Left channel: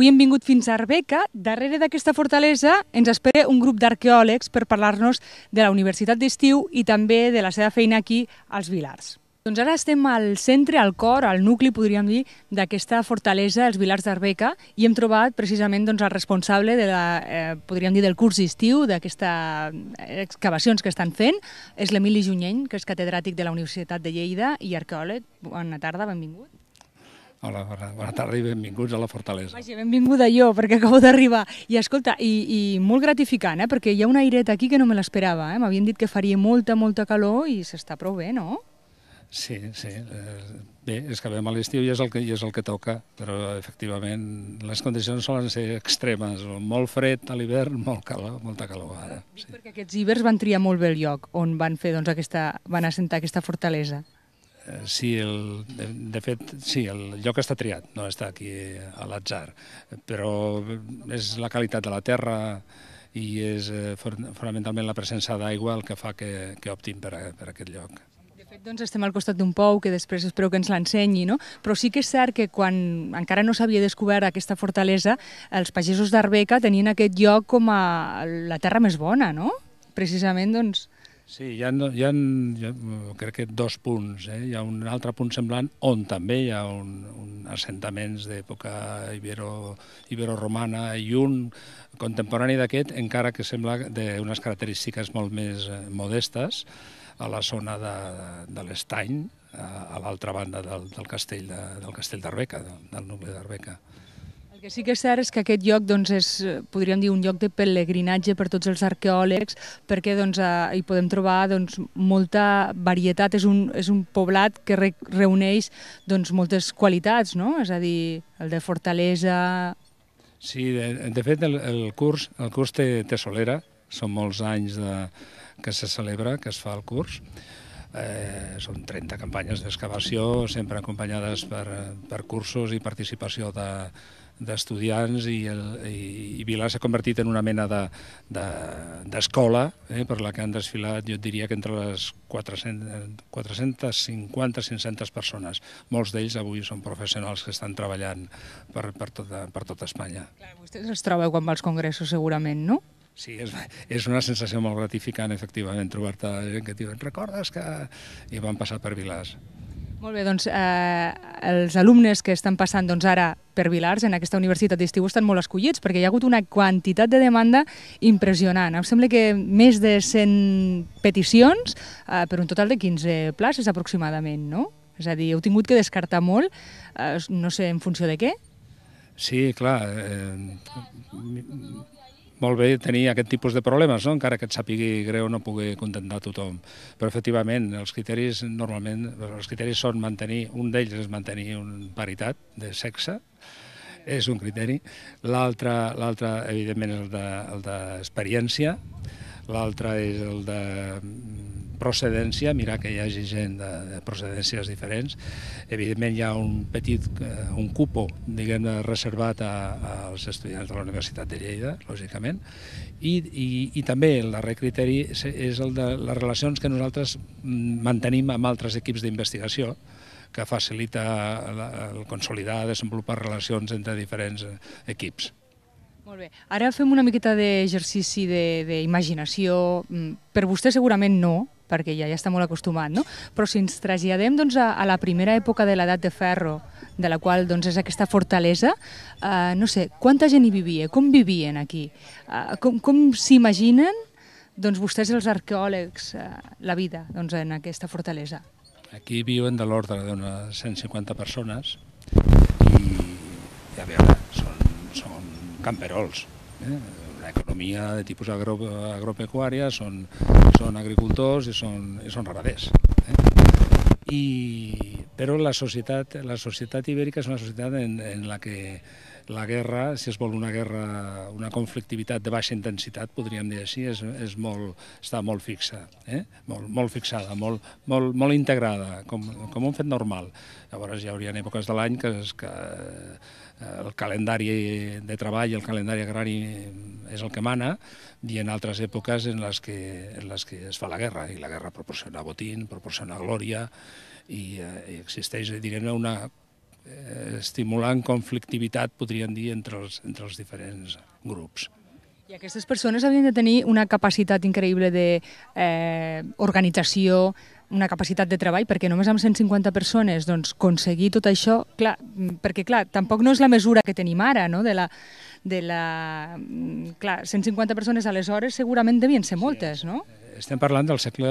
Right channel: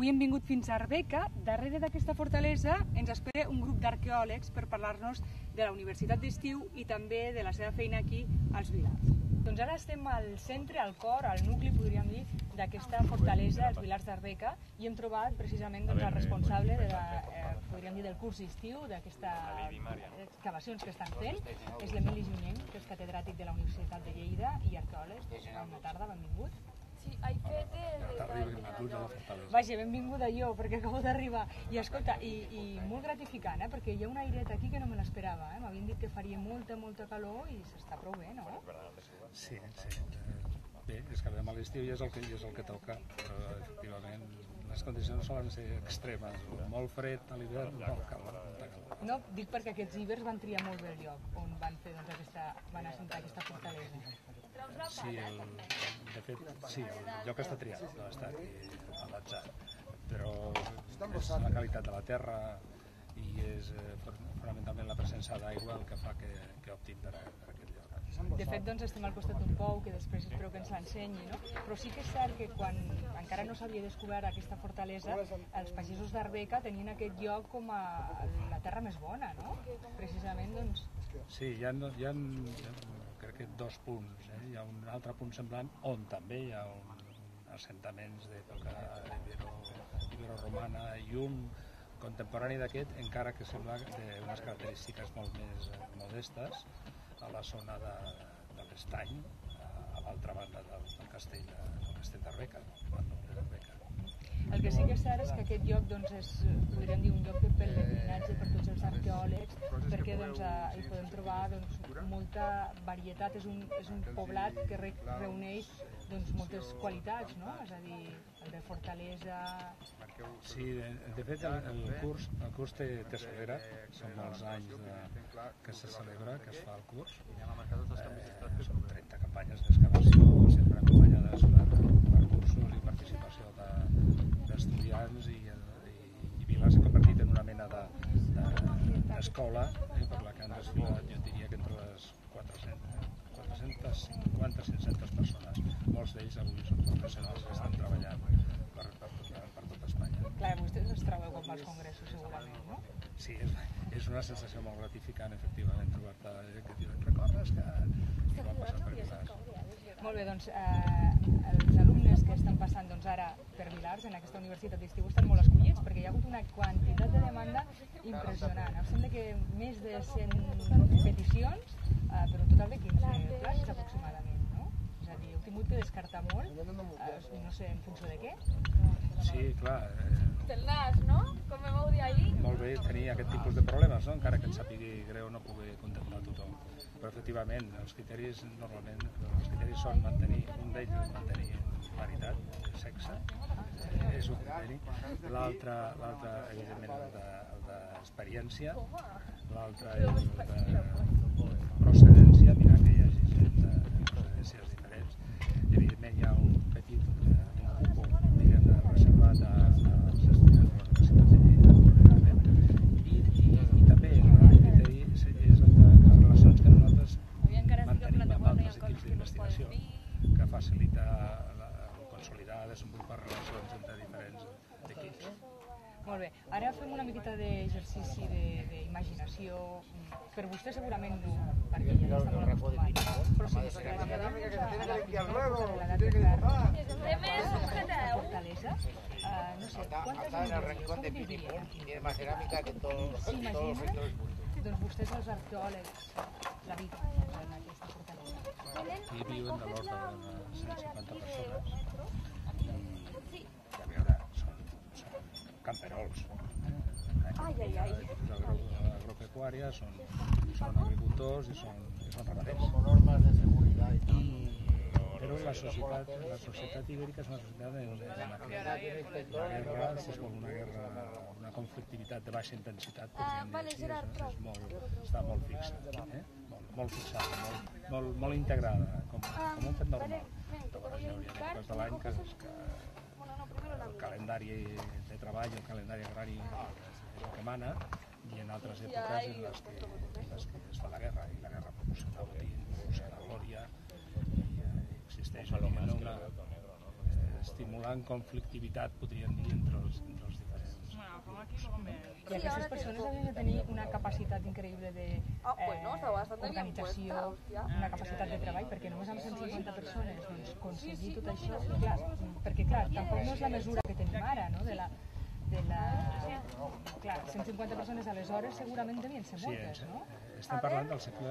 Avui hem vingut fins a Arbeca. Darrere d'aquesta fortalesa ens espera un grup d'arqueòlegs per parlar-nos de la Universitat d'Estiu i també de la seva feina aquí als Vilars. Doncs ara estem al centre, al cor, al nucli, podríem dir, d'aquesta fortalesa, els Vilars d'Arbeca, i hem trobat precisament el responsable podríem dir, del curs d'estiu, d'aquestes excavacions que estan fent. És l'Emili Junyent, que és catedràtic de la Universitat de Lleida i arqueòleg. Bona tarda, benvingut. Hola, bona tarda i benvinguts a la fortalesa. Vaja, benvinguda jo, perquè acabo d'arribar. I escolta, i molt gratificant, perquè hi ha un airet aquí que no me l'esperava. M'havien dit que faria molta calor i s'està prou bé, no? Sí. Bé, és que vam a l'estiu i és el que toca, però efectivament les condicions solen ser extremes. Molt fred a l'hivern, molta calor ara. Dic perquè aquests ibers van triar molt bé el lloc on van fer, van assentar aquesta fortalesa. Sí, de fet, sí, el lloc està triat, no està aquí a l'atzar, però és la qualitat de la terra i és fonamentalment la presència d'aigua el que fa que optin per aquest lloc. De fet, doncs, estem al costat d'un pou, que després espero que ens l'ensenyi, no? Però sí que és cert que quan encara no s'havia descobert aquesta fortalesa, els pagesos d'Arbeca tenien aquest lloc com a la terra més bona, no? Precisament, doncs... Sí, hi ha crec que dos punts. Hi ha un altre punt semblant on també hi ha un assentaments d'època ibero-romana i un contemporani d'aquest, encara que sembla d'unes característiques molt més modestes, a la zona de l'Estany, a l'altra banda del castell d'Arbeca, del nucli d'Arbeca. El que sí que és cert és que aquest lloc és, podríem dir, un lloc de pelegrinatge per tots els arqueòlegs, perquè hi podem trobar molta varietat. És un poblat que reuneix moltes qualitats, no? És a dir, el de fortalesa... Sí, de fet el curs té solera, són molts anys que se celebra, que es fa el curs. Són 30 campanyes d'excavació, sempre acompanyades per cursos i participació d'estudiants, i Vilars s'ha convertit en una mena d'escola per la que han desfilat, jo diria que entre les 450-500 persones. Molts d'ells avui són professionals que estan treballant per tota Espanya. Clar, vostès els trobeu quan va als congressos segurament, no? Sí, és una sensació molt gratificant, efectivament, trobar-te gent que et diuen «recordes que...» i van passar per Vilars. Molt bé, doncs els alumnes que estan passant ara per Vilars en aquesta universitat d'estiu estan molt escollits perquè hi ha hagut una quantitat de demanda impressionant. Em sembla que més de 100 peticions per un total de 15 places aproximadament, no? És a dir, heu tingut que descartar molt, no sé en funció de què? Sí, clar. Molt bé tenir aquest tipus de problemes, no? Encara que et sàpigui greu no pugui contentar tothom. Però efectivament els criteris són mantenir, un d'ells és mantenir una paritat de sexe, és un criteri. L'altre evidentment és el d'experiència, l'altre és el de procedència, mirar que hi hagi gent de procedències diferents. Evidentment hi ha un cupo, diguem-ne, reservat als estudiants de la Universitat de Lleida, lògicament, i també el darrer criteri és el de les relacions que nosaltres mantenim amb altres equips d'investigació, que facilita el consolidar, desenvolupar relacions entre diferents equips. Molt bé. Ara fem una miqueta d'exercici d'imaginació. Per vostè segurament no, perquè ja està molt acostumat, no? Però si ens traslladem a la primera època de l'edat de ferro, de la qual és aquesta fortalesa, no sé, quanta gent hi vivia? Com vivien aquí? Com s'imaginen vostès, els arqueòlegs, la vida en aquesta fortalesa? Aquí viuen de l'ordre d'unes 150 persones i, a veure, són camperols. Una economia de tipus agropecuària, són agricultors i són ramaders. Però la societat ibèrica és una societat en la que la guerra, si es vol una guerra, una conflictivitat de baixa intensitat, podríem dir així, està molt fixa, molt fixada, molt integrada, com un fet normal. Llavors hi hauria èpoques de l'any que el calendari de treball i el calendari agrari és el que mana, i en altres èpoques en les que es fa la guerra, i la guerra proporciona botín, proporciona glòria, i existeix, diguem-ne, estimulant conflictivitat, podríem dir, entre els diferents grups. I aquestes persones havien de tenir una capacitat increïble d'organització, una capacitat de treball, perquè només amb 150 persones doncs, aconseguir tot això, clar, perquè clar, tampoc no és la mesura que tenim ara, no? Clar, 150 persones aleshores segurament devien ser moltes, no? Estem parlant del segle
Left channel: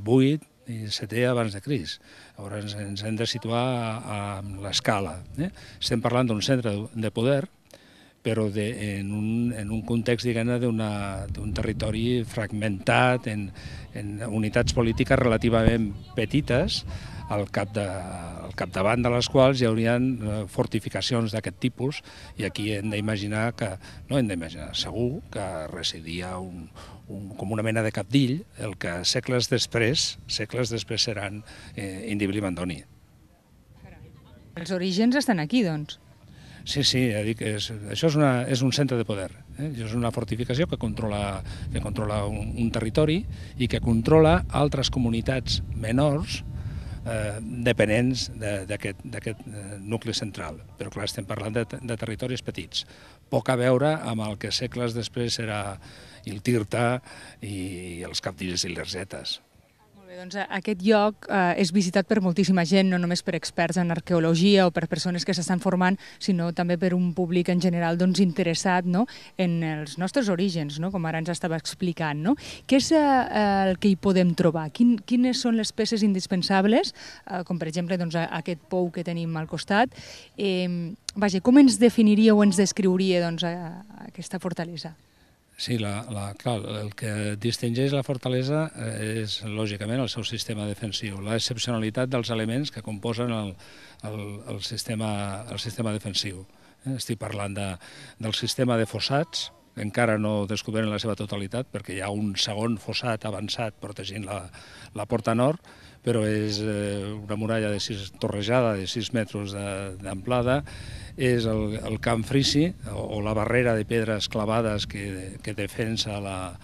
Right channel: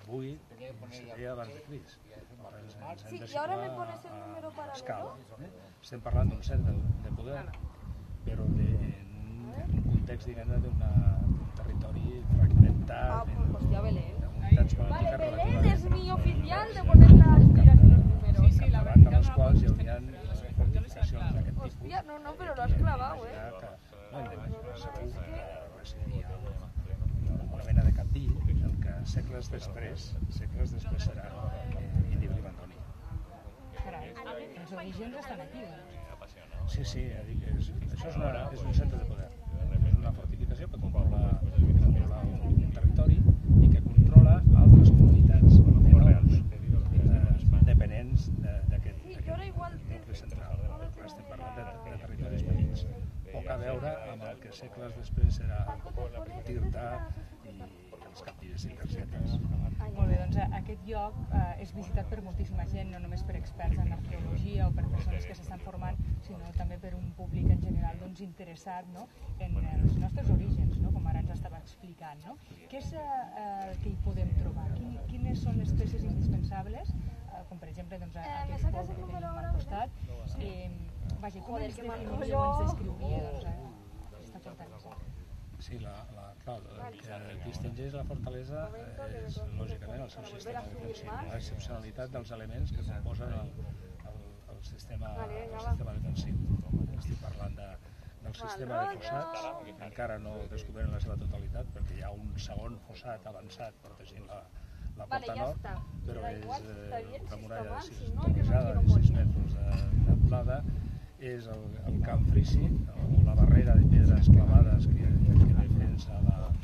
VIII i VII abans de Crist. Llavors ens hem de situar a l'escala. Estem parlant d'un centre de poder, però en un context, diguem-ne, d'un territori fragmentat, en unitats polítiques relativament petites, al capdavant de les quals hi haurien fortificacions d'aquest tipus, i aquí hem d'imaginar segur que residia com una mena de capdill, el que segles després seran Indíbil i Mandoni. Els orígens estan aquí, doncs. Sí, això és un centre de poder. És una fortificació que controla un territori i que controla altres comunitats menors dependents d'aquest nucli central. Però clar, estem parlant de territoris petits. Poc a veure amb el que segles després serà el Tirta i els capdills i les zetes. Molt bé, doncs aquest lloc és visitat per moltíssima gent, no només per experts en arqueologia o per persones que s'estan formant, sinó també per un públic en general interessat en els nostres orígens, com ara ens estava explicant. Què és el que hi podem trobar? Quines són les peces indispensables, com per exemple aquest pou que tenim al costat? Com ens definiria o ens descriuria aquesta fortalesa? Sí, clar, el que distingeix la fortalesa és, lògicament, el seu sistema defensiu, l'excepcionalitat dels elements que composen el sistema defensiu. Estic parlant del sistema de fossats, que encara no descobrem la seva totalitat, perquè hi ha un segon fossat avançat protegint la porta nord, però és una muralla torrejada de 6 metres d'amplada. És el camp frisi, o la barrera de pedres clavades que defensa la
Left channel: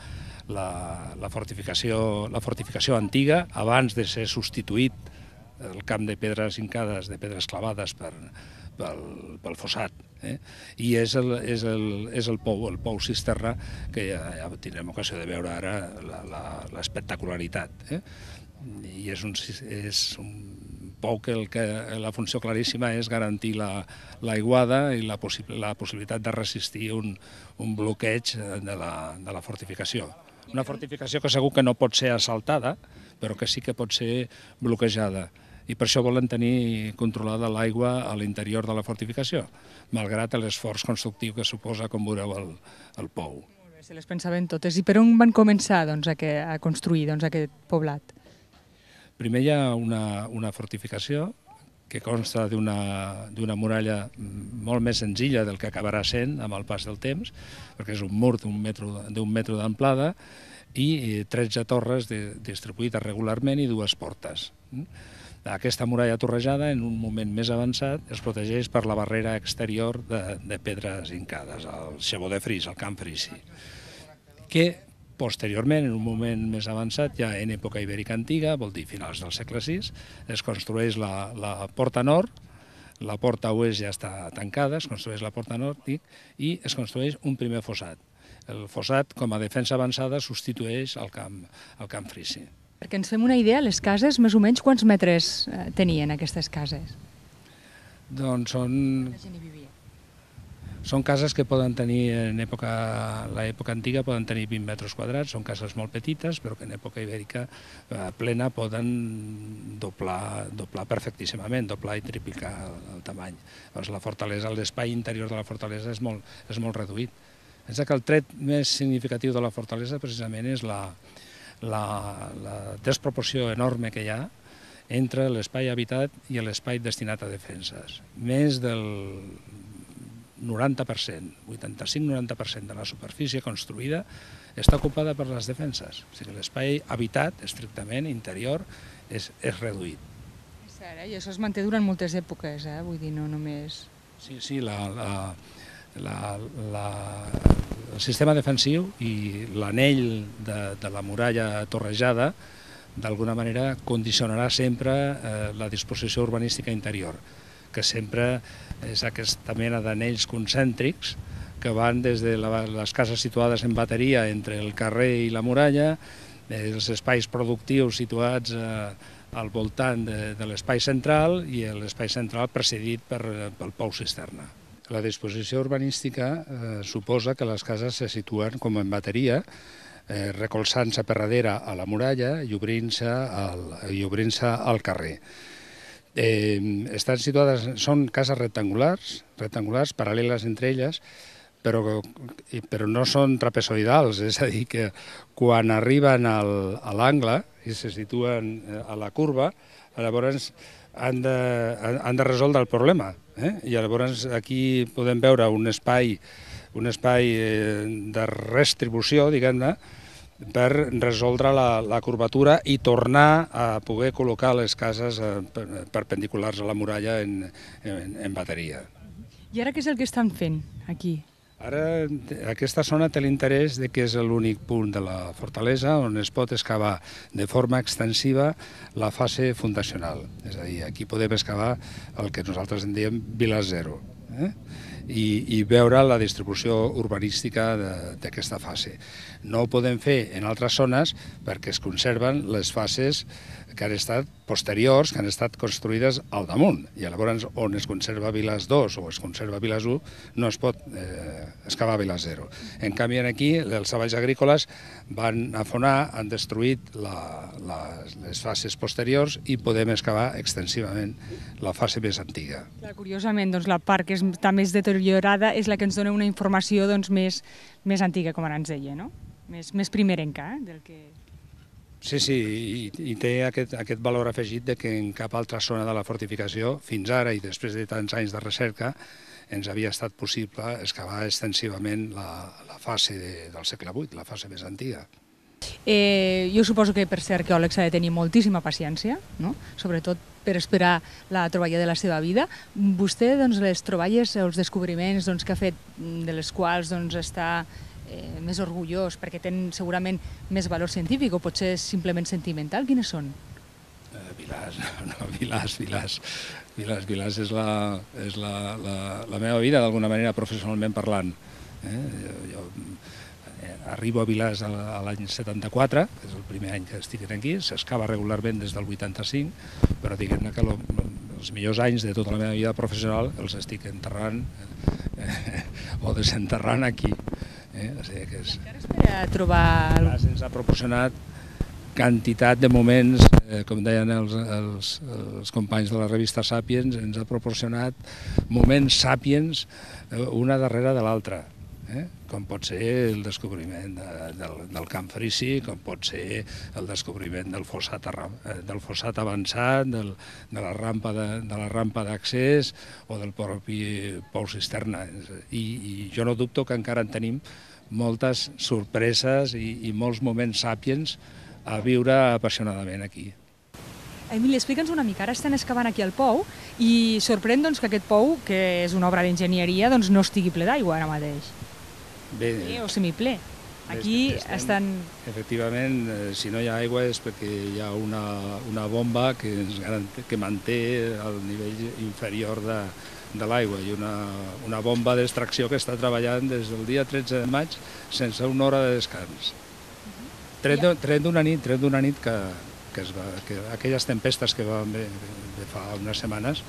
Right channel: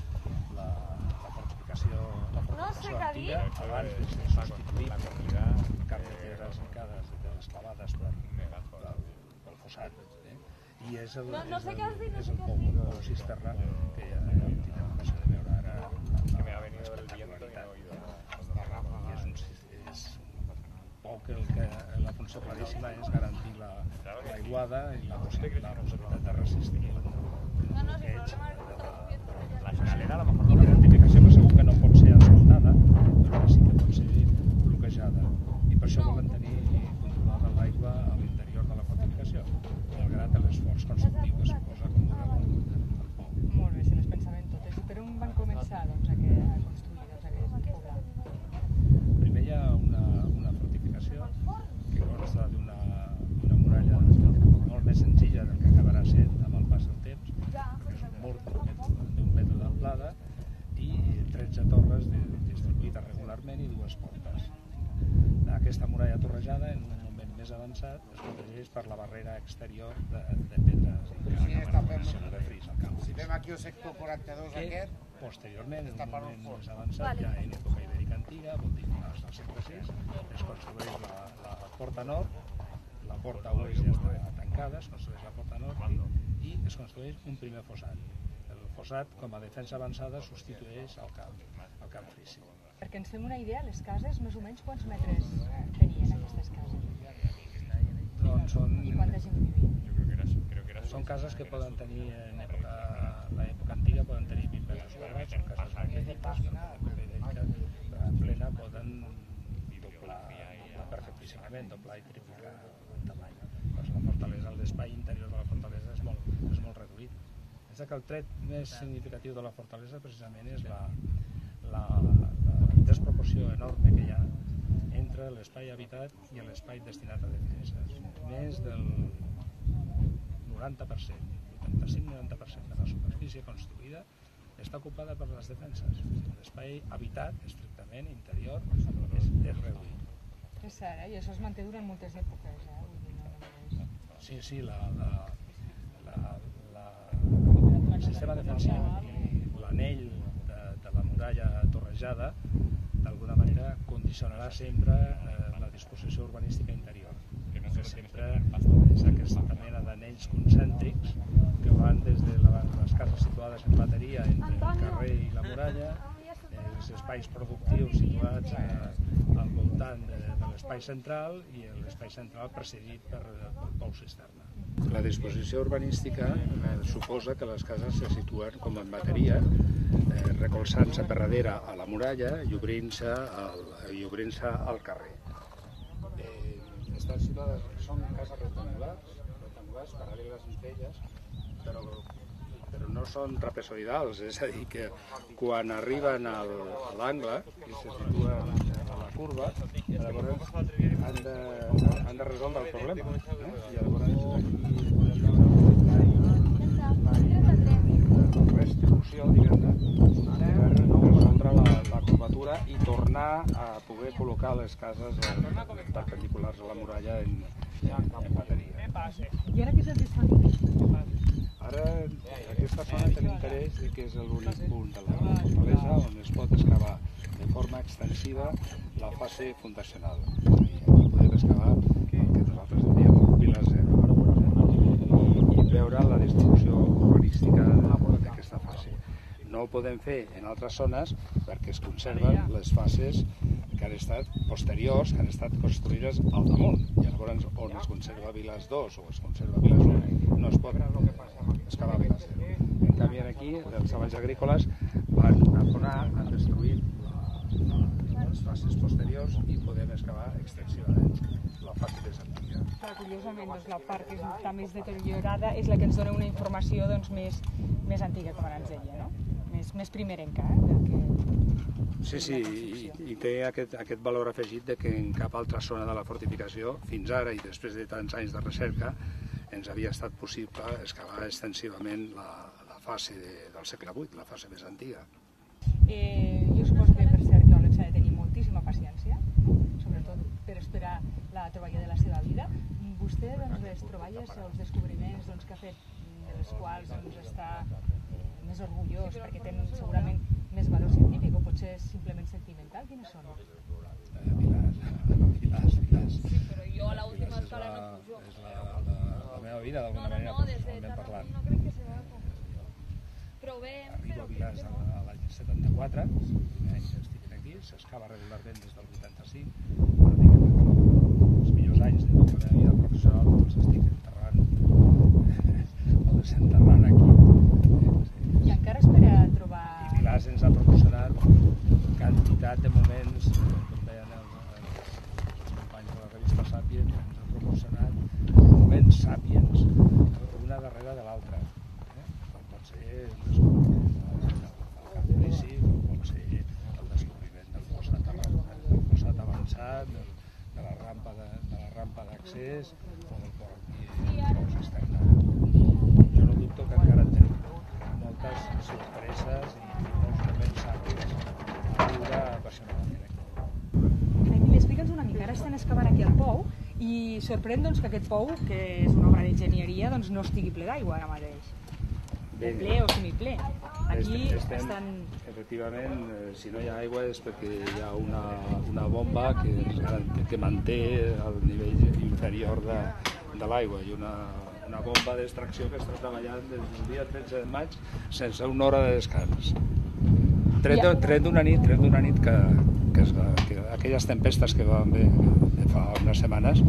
fortificació antiga abans de ser substituït el camp de pedres hincades, de pedres clavades pel fossat. I és el pou cisterna, que ja tindrem ocasió de veure ara l'espectacularitat. I és un pou que la funció claríssima és garantir l'aiguada i la possibilitat de resistir un bloqueig de la fortificació. Una fortificació que segur que no pot ser assaltada, però que sí que pot ser bloquejada. I per això volen tenir controlada l'aigua a l'interior de la fortificació, malgrat l'esforç constructiu que suposa, com veureu, el pou. Molt bé, se les pensaven totes. I per on van començar a construir aquest poblat? Primer hi ha una fortificació que consta d'una muralla molt més senzilla del que acabarà sent amb el pas del temps, perquè és un mur d'un metre d'amplada i 13 torres distribuïdes regularment i 2 portes. Aquesta muralla torrejada, en un moment més avançat, es protegeix per la barrera exterior de pedres hincades, el xebó de fris, el camp frisi, que posteriorment, en un moment més avançat, ja en època ibèrica antiga, vol dir finals del segle VI, es construeix la porta nord, la porta oest ja està tancada, es construeix la porta nord i es construeix un primer fossat. El fossat, com a defensa avançada, substitueix el camp frisi. Perquè ens fem una idea, les cases, més o menys, quants metres tenien aquestes cases? Doncs són cases que poden tenir, en l'època antiga poden tenir 20 metres quadrats, són cases molt petites, però que en època ibèrica plena poden doblar perfectíssimament, doblar i triplicar el tamany. La fortalesa, l'espai interior de la fortalesa és molt reduït. És que el tret més significatiu de la fortalesa precisament és la desproporció enorme que hi ha entre l'espai habitat i l'espai destinat a defenses. Més del 90%, 85-90% de la superfície construïda està ocupada per les defenses. O sigui, l'espai habitat, estrictament interior, és reduït. És cert, i això es manté durant moltes èpoques, vull dir, no només... Sí, el sistema defensiu i l'anell de la muralla torrejada d'alguna manera condicionarà sempre la disposició urbanística interior. que sempre és aquesta mena d'anells concèntrics que van des de les cases situades en bateria entre el carrer i la muralla, els espais productius situats al voltant de l'espai central i l'espai central precedit pel pou cisterna. La disposició urbanística suposa que les cases se situen com en bateria, recolzant-se per darrere a la muralla i obrint-se al carrer. Estan situades, són cases rectangulars, paral·leles entre elles, però no són trapezoidals, és a dir, que quan arriben a l'angle i se situen a la curva, llavors han de resoldre el problema. I llavors aquí podem veure un espai de redistribució, diguem-ne, per resoldre la curvatura i tornar a poder col·locar les cases perpendiculars a la muralla en bateria. I ara què és el que estan fent aquí? Ara aquesta zona té l'interès que és l'únic punt de la fortalesa on es pot excavar de forma extensiva la fase fundacional. És a dir, aquí podem excavar el que nosaltres en diem Vila Zero i veure la distribució urbanística d'aquesta fase. No ho podem fer en altres zones perquè es conserven les fases que han estat posteriors, que han estat construïdes al damunt. I llavors on es conserva Vilas 2 o es conserva Vilas 1 no es pot excavar Vilas 0. En canvi, aquí els treballs agrícoles van afonar, han destruït les fases posteriors i podem excavar extensivament la fase més antiga. Curiosament, la part que està més deteriorada és la que ens dona una informació més antiga, com ara ens deia, no? Més primerenca. Sí, i té aquest valor afegit que en cap altra zona de la fortificació, fins ara i després de tants anys de recerca, ens havia estat possible excavar extensivament la fase del segle VIII, la fase més antiga. Jo suposo que per ser arqueòleg s'ha de tenir moltíssima paciència, sobretot per esperar la troballa de la seva vida. Vostè, les troballes, els descobriments que ha fet, de les quals està més orgullós perquè tenen segurament més valor científic o potser simplement sentimental, quines són? Vilàs és la meva vida, d'alguna manera, professionalment parlant. Jo arribo a Vilàs l'any 74, que és el primer any que estic aquí, s'excava regularment des del 85, però diguem que els millors anys de tota la meva vida professional els estic enterrant o desenterrant aquí. Encara espera trobar... Ens ha proporcionat quantitat de moments, com deien els companys de la revista Sapiens, ens ha proporcionat moments Sapiens una darrere de l'altra, com pot ser el descobriment del camp frisi, com pot ser el descobriment del fossat avançat, de la rampa d'accés o del propi pou cisterna. I jo no dubto que encara en tenim moltes sorpreses i molts moments Sapiens a viure apassionadament aquí. Emili, explica'ns una mica, ara estan excavant aquí el pou i sorprèn que aquest pou, que és una obra d'enginyeria, no estigui ple d'aigua ara mateix. Ple o semiple. Aquí estan... Efectivament, si no hi ha aigua és perquè hi ha una bomba que manté el nivell inferior de l'aigua i una bomba d'extracció que està treballant des del dia 13 de maig sense una hora de descans. Tret d'una nit que aquelles tempestes que va fer fa unes setmanes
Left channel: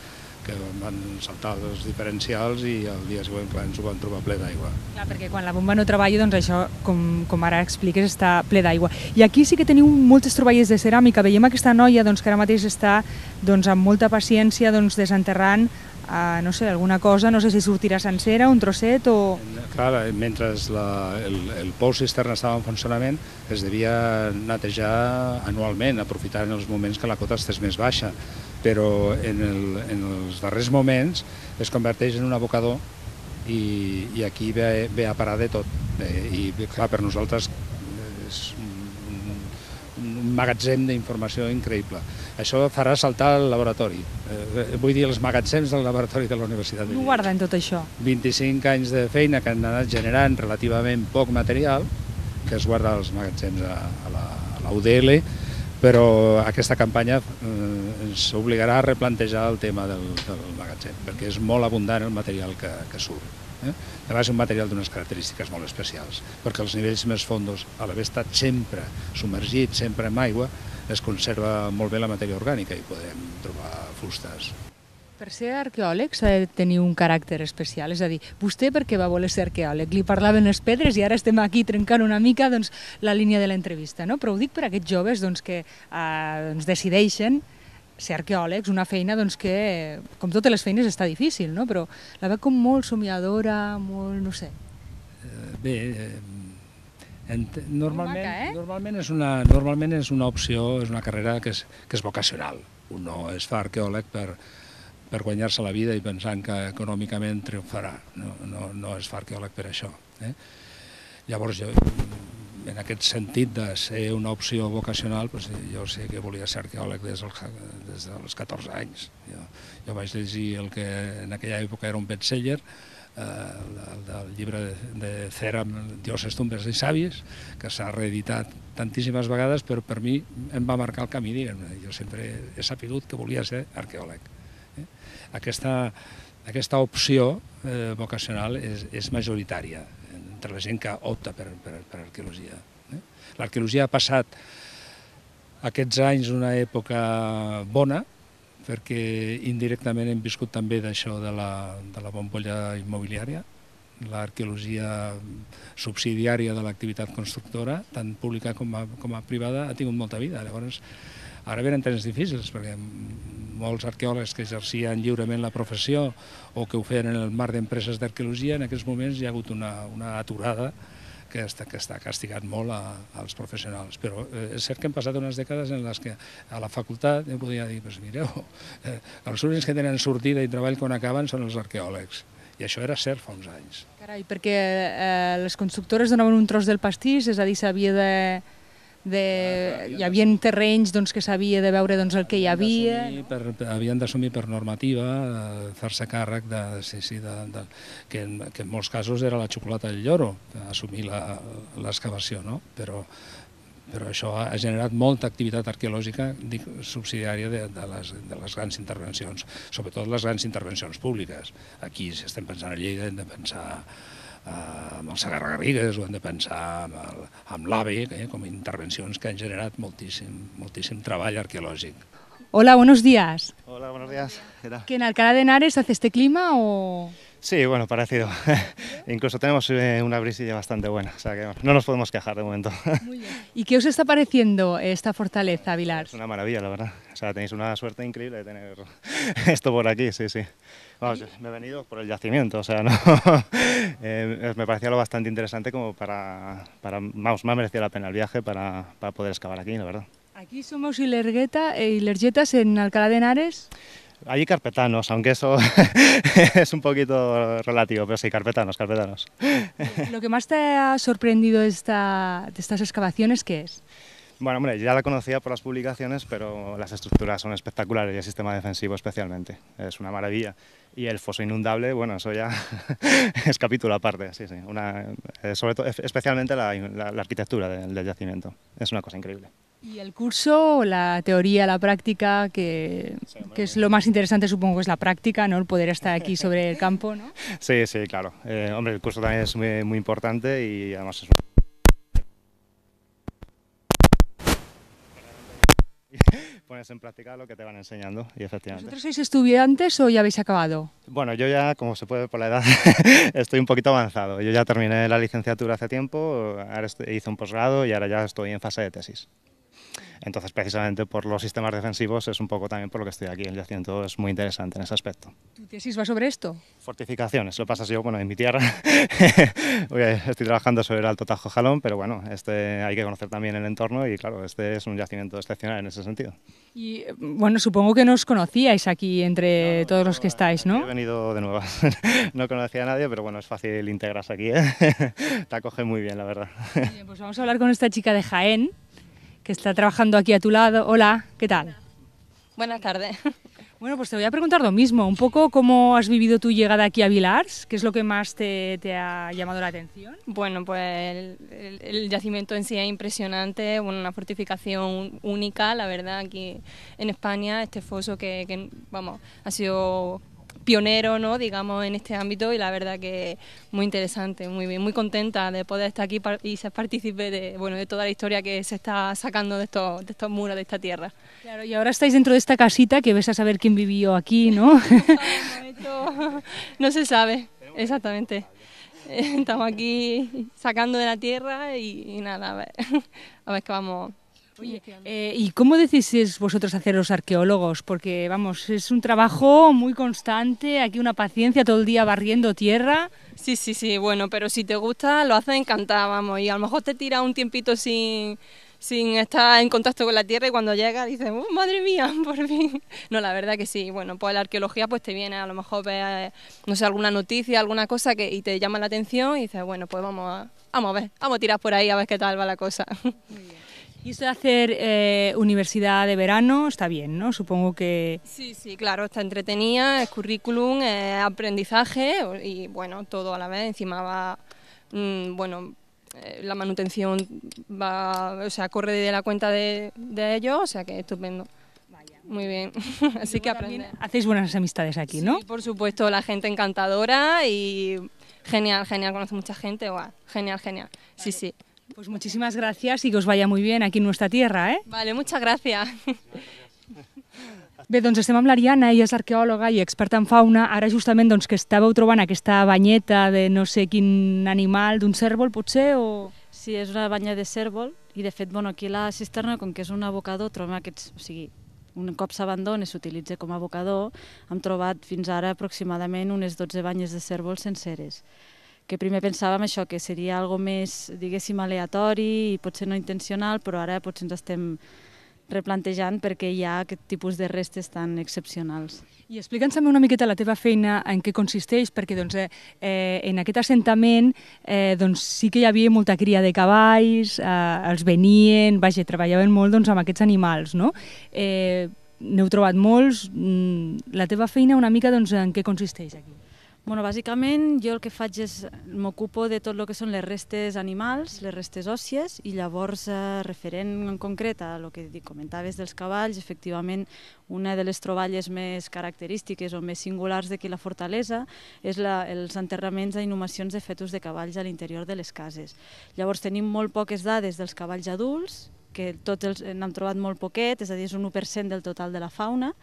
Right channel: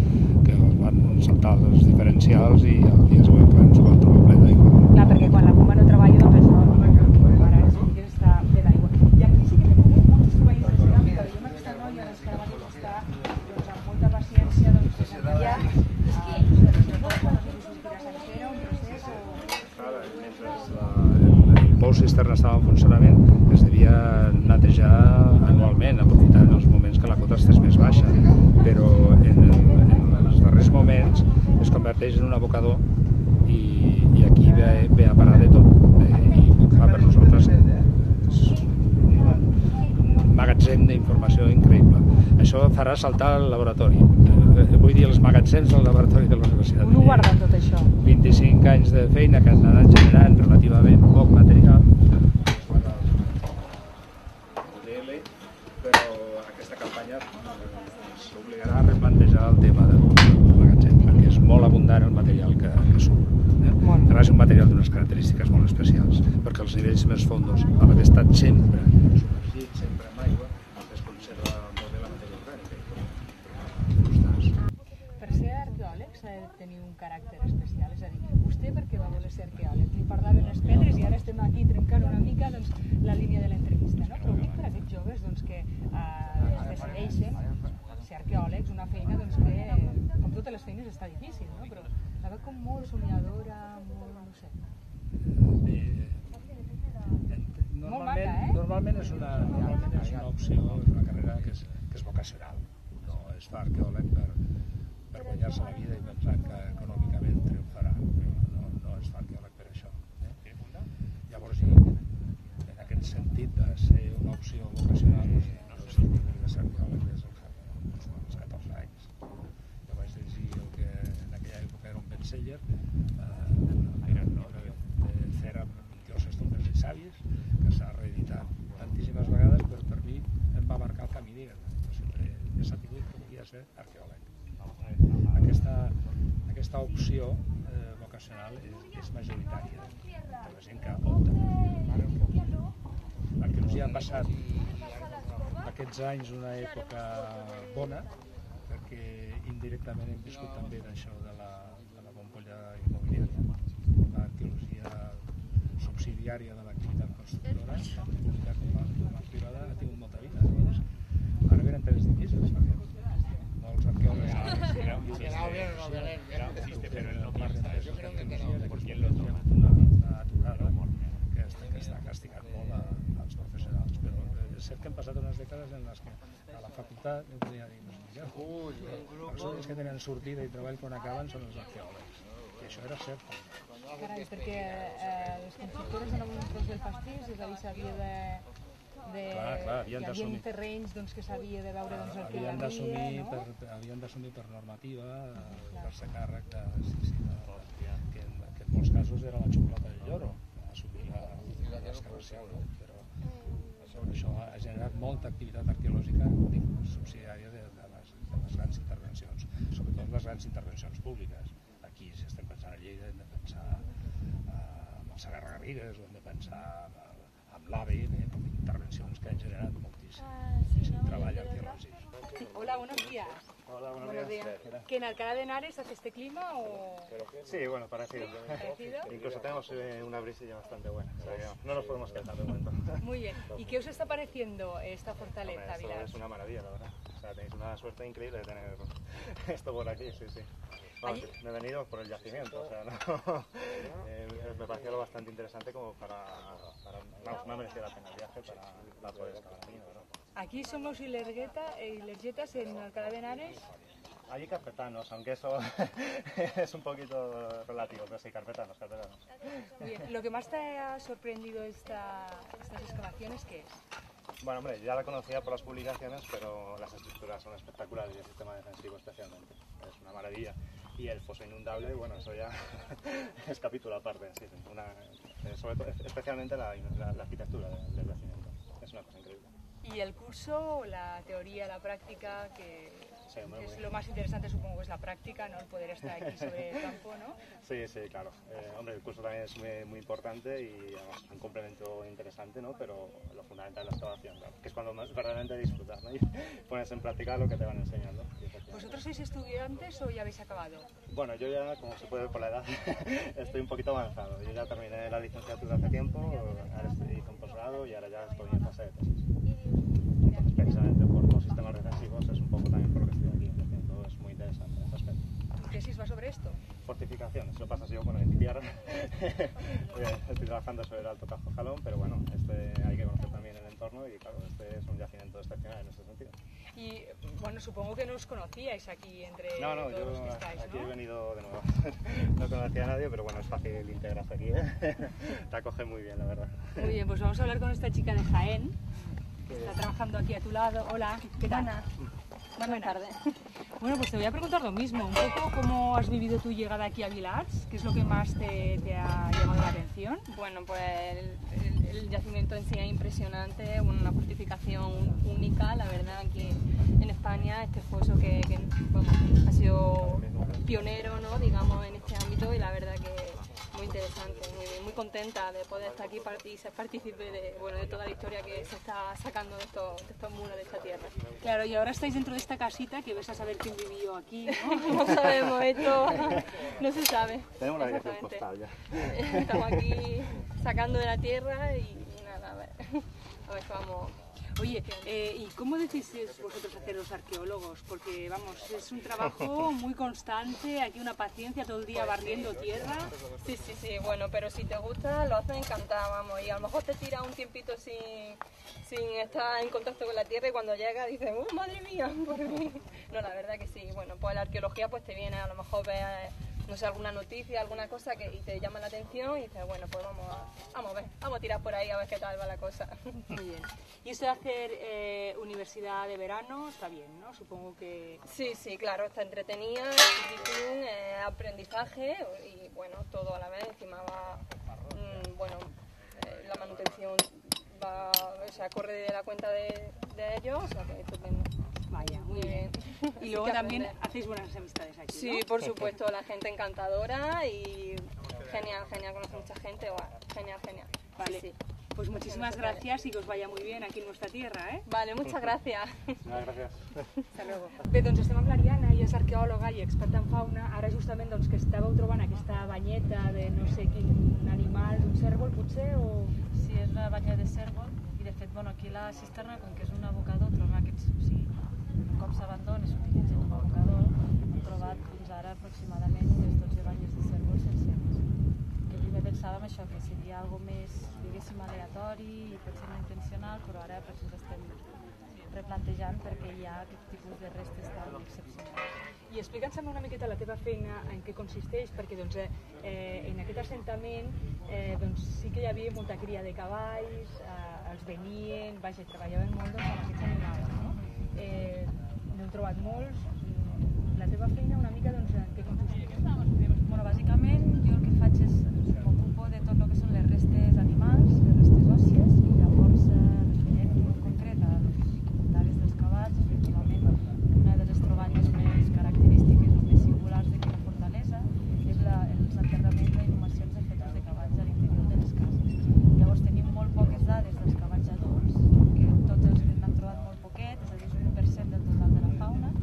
que van saltar els diferencials i el dia següent ens ho vam trobar ple d'aigua. Clar, perquè quan la bomba no treballa, això, com ara expliques, està ple d'aigua. I aquí sí que teniu moltes troballes de ceràmica. Veiem aquesta noia que ara mateix està amb molta paciència desenterrant alguna cosa, no sé si sortirà sencera, un trosset o... Clar, mentre el pou cisterna estava en funcionament es devia netejar anualment, aprofitant els moments que la cota estés més baixa, però en els darrers moments es converteix en un abocador i aquí ve a parar de tot. I clar, per nosaltres és un magatzem d'informació increïble. Això farà saltar el laboratori. Vull dir, els magatzems del laboratori de la Universitat. Com ho guarden tot això? 25 anys de feina que han anat generant relativament poc material, que es guarda als magatzems a la UDL, però aquesta campanya ens obligarà a replantejar el tema del magatzem. molt abundant el material que surt. A més, un material d'unes característiques molt especials, perquè els nivells més fondos, a l'haver estat sempre submergit, sempre en aigua, es conserva molt bé la matèria orgànica i podem trobar fustes. Per ser arqueòleg s'ha de tenir un caràcter especial, és a dir, vostè per què va voler ser arqueòleg? Li parlaven les pedres i ara estem aquí trencant una mica la línia de l'entrevista, no? Però ho dic per a aquests joves que decideixen ser arqueòlegs, una feina que, com totes les feines, està difícil, no? Però la veig com molt somiadora, molt, no sé. Bé, normalment és una opció, és una carrera que és vocacional. Un no es fa arqueòleg per guanyar-se la vida i pensant que econòmicament triomfarà. No es fa arqueòleg per això. Llavors, jo, en aquest sentit de ser una opció vocacional, jo sé que volia ser arqueòleg des dels 14 anys. Jo vaig llegir el que en aquella època era un bestseller, el llibre de Ceram, Dioses, tombes i savis, que s'ha reeditat tantíssimes vegades, però per mi em va marcar el camí, diguem-ne. Jo sempre he sapigut que volia ser arqueòleg. Aquesta opció vocacional és majoritària entre la gent que opta per arqueologia. L'arqueologia ha passat aquests anys una època bona, perquè indirectament hem viscut també d'això de la bombolla immobiliària. L'arqueologia subsidiària de l'activitat constructora, tant pública com a privada, ha tingut molta vida. Llavors, ara venen temps difícils, perquè molts arqueòlegs que exercien lliurement la professió o que ho feien en el marc d'empreses d'arqueologia, en aquests moments hi ha hagut una aturada que està castigant molt als professionals. Però és cert que hem passat unes dècades en les que a la facultat jo podia dir, mireu, els únics que tenen sortida i treball quan acaben són els arqueòlegs. I això era cert fa uns anys. Carai, perquè les constructores donaven un tros del pastís, és a dir, hi havia terrenys que s'havia de veure el que hi havia. Havien d'assumir per normativa, fer-se càrrec que en molts casos era la xocolata del lloro, assumir l'excavació, no? Però això ha generat molta activitat arqueològica subsidiària de les grans intervencions, sobretot les grans intervencions públiques. Aquí, si estem pensant a Lleida, hem de pensar amb el Segarra-Garrigues o hem de pensar amb l'AVE, com a intervencions que han generat moltíssim treball arqueològic. Hola, buenos días. Hola, buenos días. ¿Qué tal? ¿Que en Alcalá de Henares hace este clima o...? Sí, bueno, parecido. Incluso tenemos una brisilla bastante buena, o sea que no nos podemos quejar de momento. Muy bien. ¿Y qué os está pareciendo esta fortaleza, Vilars? Es una maravilla, la verdad. O sea, tenéis una suerte increíble de tener esto por aquí, sí. Vamos, me he venido por el yacimiento, o sea, no. Me parecía lo bastante interesante como vamos, me ha merecido la pena el viaje para poder excavar aquí, la verdad. Aquí somos Ilergetas en Alcalá de Henares. Allí carpetanos, aunque eso es un poquito relativo, pero sí, carpetanos. Lo que más te ha sorprendido de estas excavaciones, ¿qué es? Bueno, hombre, ya la conocía por las publicaciones, pero las estructuras son espectaculares y el sistema defensivo especialmente. Es una maravilla. Y el foso inundable, bueno, eso ya es capítulo aparte, sí. Sobre todo, especialmente la arquitectura del yacimiento. Es una cosa increíble. Y el curso, la teoría, la práctica, que es lo más interesante, supongo que es la práctica, ¿no? El poder estar aquí sobre el campo, ¿no? Sí, claro. Hombre, el curso también es muy importante y además es un complemento interesante, ¿no? Pero lo fundamental es la excavación, que es cuando verdaderamente disfrutas, ¿no? Y pones en práctica lo que te van enseñando, y efectivamente. ¿Vosotros sois estudiantes o ya habéis acabado? Bueno, yo ya, como se puede ver por la edad, estoy un poquito avanzado. Yo ya terminé la licenciatura hace tiempo, ahora hice un posgrado y ahora ya estoy en fase de tesis. Entonces, precisamente por los sistemas defensivos es un poco también por lo que estoy aquí. El yacimiento es muy interesante en ese aspecto. ¿Tu tesis va sobre esto? Fortificaciones. Lo que pasa es que yo, bueno, en mi tierra estoy trabajando sobre el Alto Tajo Jalón, pero bueno, hay que conocer también el entorno y claro, este es un yacimiento excepcional en ese sentido. Y bueno, supongo que no os conocíais aquí entre todos los que estáis, ¿no? He venido de nuevo. No conocía a nadie, pero bueno, es fácil integrarse aquí, Te acoge muy bien, la verdad. Muy bien, pues vamos a hablar con esta chica de Jaén, que está trabajando aquí a tu lado. Hola, ¿qué tal? Buenas tardes. Bueno, pues te voy a preguntar lo mismo, un poco cómo has vivido tu llegada aquí a Vilars, ¿qué es lo que más te ha llamado la atención? Bueno, pues el yacimiento en sí es impresionante, una fortificación única, la verdad, aquí en España, este foso que vamos, ha sido pionero, ¿no? Digamos, en este ámbito, y la verdad que muy interesante, muy bien, muy contenta de poder estar aquí y ser partícipe de toda la historia que se está sacando de estos muros, de esta tierra. Claro, y ahora estáis dentro de esta casita que ves a saber quién vivió aquí, ¿no? No sabemos, esto no se sabe exactamente. Estamos aquí sacando de la tierra y nada, a ver qué vamos. Oye, ¿y cómo decidís vosotros hacer los arqueólogos? Porque, vamos, es un trabajo muy constante, aquí una paciencia todo el día barriendo tierra. Sí, bueno, pero si te gusta lo haces encantada, vamos, y a lo mejor te tira un tiempito sin estar en contacto con la tierra y cuando llega dices, ¡oh, madre mía, por fin! No, la verdad que sí, bueno, pues la arqueología pues te viene, a lo mejor ves, no sé, alguna noticia, alguna cosa y te llama la atención y dices, bueno, pues vamos a tirar por ahí a ver qué tal va la cosa. Y esto de hacer universidad de verano está bien, ¿no? Supongo que... Sí, claro, está entretenida, es currículum, es aprendizaje y bueno, todo a la vez, encima va, la manutención corre de la cuenta de ellos, o sea que estupendo. Vaya. Muy bien. Así que también hacéis buenas amistades aquí, ¿no? Sí, por supuesto, la gente encantadora y genial, conoce mucha gente, genial. Vale. Sí. Pues muchísimas gracias y que os vaya muy bien aquí en nuestra tierra, ¿eh? Vale, muchas gracias. Bé, doncs estem amb l'Ariana, ella és arqueòloga i experta en fauna. Ara justament doncs, que estàveu trobant aquesta banyeta de no sé quin animal, d'un cérvol potser, o... Sí, és una banya de cérvol i de fet aquí la cisterna, com que és un abocador, trobem aquests, o sigui, un cop s'abandona i s'utilitza com a abocador, hem trobat fins ara aproximadament unes 12 banyes de cérvol senceres. Que primer pensàvem això, que seria algo més, diguéssim, aleatori i potser no intencional, però ara potser ens estem replantejant perquè hi ha aquest tipus de restes tan excepcionals. I explica'ns també una miqueta la teva feina, en què consisteix, perquè doncs, en aquest assentament doncs, sí que hi havia molta cria de cavalls, els venien, treballaven molt doncs, amb aquests animals, no? N'heu trobat molts. La teva feina una mica doncs, en què consisteix? Bueno, bàsicament jo el que faig és m'ocupo de tot el que són les restes animals, les restes òssies, i llavors referent en concret a el que comentaves dels cavalls, efectivament una de les troballes més característiques o més singulars d'aquí la fortalesa és els enterraments i inhumacions de fetus de cavalls a l'interior de les cases. Llavors tenim molt poques dades dels cavalls adults, que tots n'hem trobat molt poquet, és a dir, és un 1% del total de la fauna,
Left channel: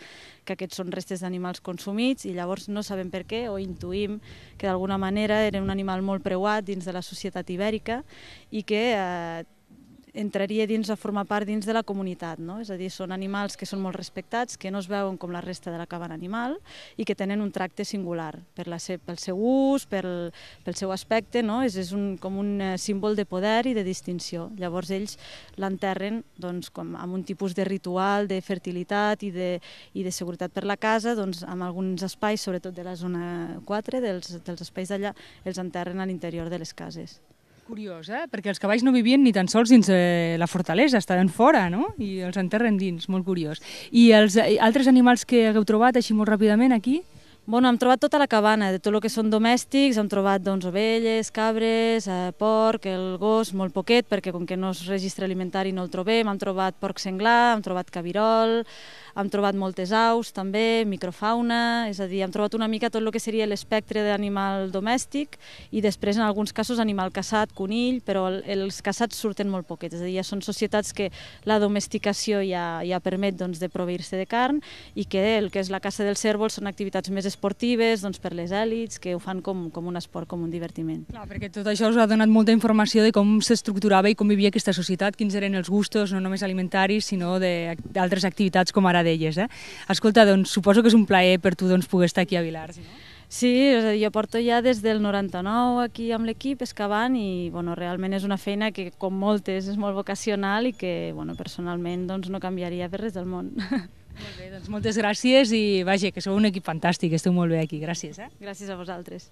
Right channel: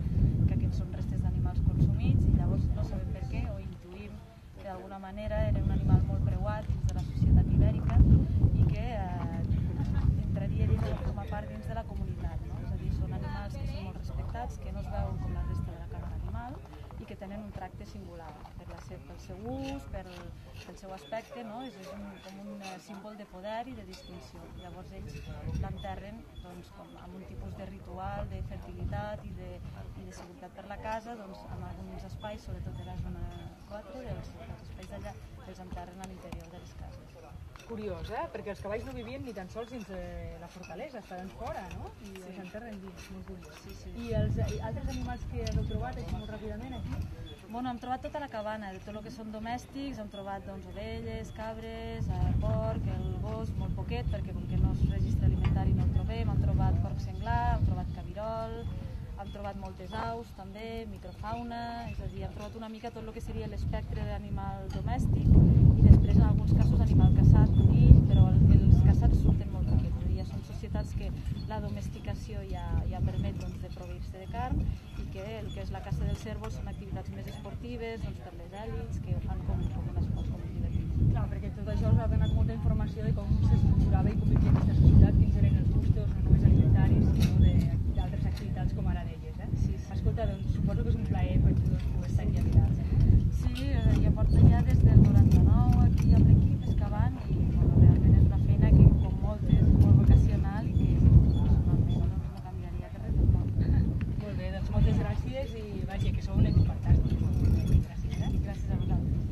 que aquests són restes d'animals consumits, i llavors no sabem per què o intuïm que d'alguna manera era un animal molt preuat dins de la societat ibèrica i que entraria dins a formar part dins de la comunitat, no? És a dir, són animals que són molt respectats, que no es veuen com la resta de la cabana animal i que tenen un tracte singular pel seu ús, pel seu aspecte, no? És com un símbol de poder i de distinció. Llavors ells l'enterren doncs, amb un tipus de ritual de fertilitat i de seguretat per la casa, doncs, amb alguns espais, sobretot de la zona 4, dels espais d'allà, els enterren a l'interior de les cases. Curiós, perquè els cavalls no vivien ni tan sols dins la fortalesa, estaven fora, no? I els enterren dins, molt curiós. I els altres animals que hagueu trobat així molt ràpidament aquí? Bueno, hem trobat tota la cabana, de tot el que són domèstics, hem trobat doncs, ovelles, cabres, porc, el gos, molt poquet, perquè com que no és registre alimentari no el trobem, hem trobat porc senglar, hem trobat cabirol, hem trobat moltes aus també, microfauna, és a dir, hem trobat una mica tot el que seria l'espectre d'animal domèstic i després en alguns casos animal caçat, conill, però els caçats surten molt poquets, és a dir, ja són societats que la domesticació ja permet doncs, de proveir-se de carn i que el que és la caça dels cérvols són activitats més esportives doncs, per les èlits que ho fan com un esport, com un divertiment. Clar, perquè tot això us ha donat molta informació de com s'estructurava i com vivia aquesta societat, quins eren els gustos, no només alimentaris, sinó d'altres activitats com ara d'elles. Escolta, doncs suposo que és un plaer per tu doncs, poder estar aquí a Vilars. Sí, és a dir, jo porto ja des del 99 aquí amb l'equip excavant i bueno, realment és una feina que, com moltes, és molt vocacional i que bueno, personalment doncs, no canviaria per res del món. Molt bé, doncs moltes gràcies i vaja, que sou un equip fantàstic, esteu molt bé aquí, gràcies. Gràcies a vosaltres.